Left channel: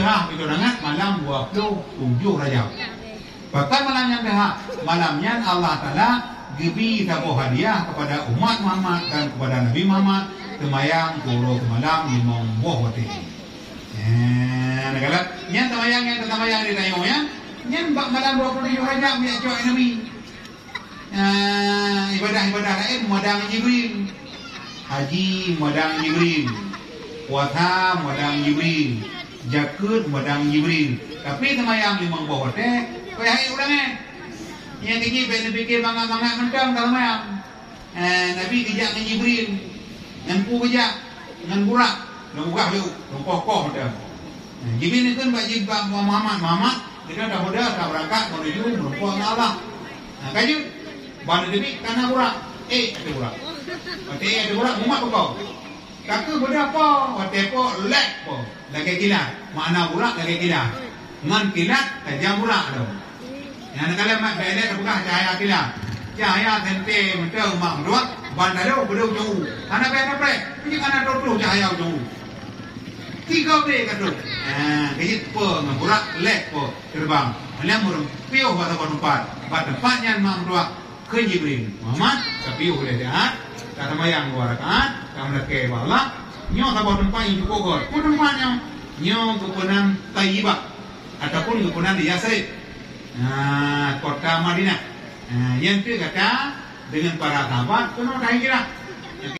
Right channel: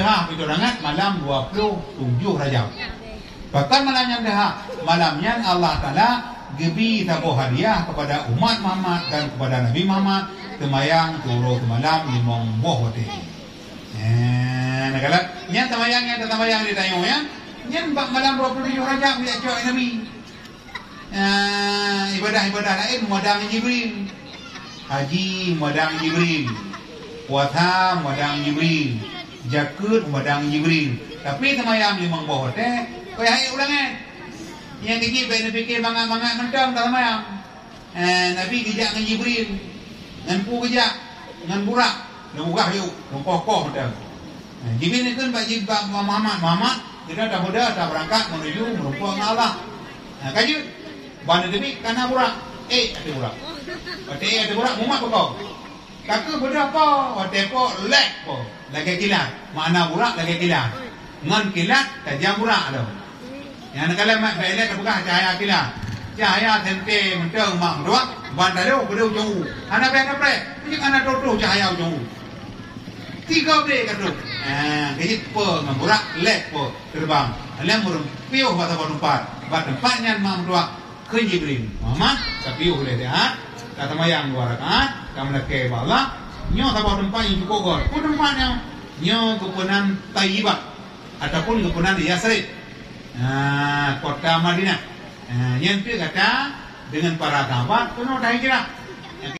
dah itu rangat malam 27 Rajab. Bahkan malam yang dah malamnya Allah Taala gebi tabuh hadiah kepada umat Muhammad dan kepada Nabi Muhammad temayang puluh ke malam limong buah hotel. Negara nyan temayang di tayo ya. Nyan bak malam 27 Rajab dia cak Nabi. Ibadah lain modang Jibril. Haji modang Jibril. Puasa modang Jibril. Jakut modang Jibril. Tapi temayang limong buah hotel kaya ulangnya. Yang ini fikir mangga-mangga ngendang dalam ayam. Nabi dijak dengan Jibril. Dengan kejak, dengan burak. Dan buka yuk, kokoh dah. Jibril itu bagi Muhammad. Kita dah berangkat menuju menumpang Allah. Kaji, bana demi karena burak. Ada burak. Ada burak, mumat kau. Kakak berapa? Watepo lek po. Lagi kilat. Mana burak lagi kilat. Ngan kilat tajam burak tu. Yang kalau mak balik buka cahaya kilat. Cahaya tente mentang mak burak. Bandar tu jauh. Anak apa? Ini anak tu cahaya jauh. 3 beg tu. Jadi po burak lek po terbang. Lemur piu pada tempat. Pada tempatnya mak burak ke Jibril. Muhammad tapi boleh dah. Kata mayang dua rakaat. Kamu nak ke Allah. Nyo tabah tempat yang cukup. Tempatnya nyo kepunan Taibah ataupun kepunan di Yasrib. Kota Madinah. Yang tu kata dengan para sahabat penuh dah hijrah.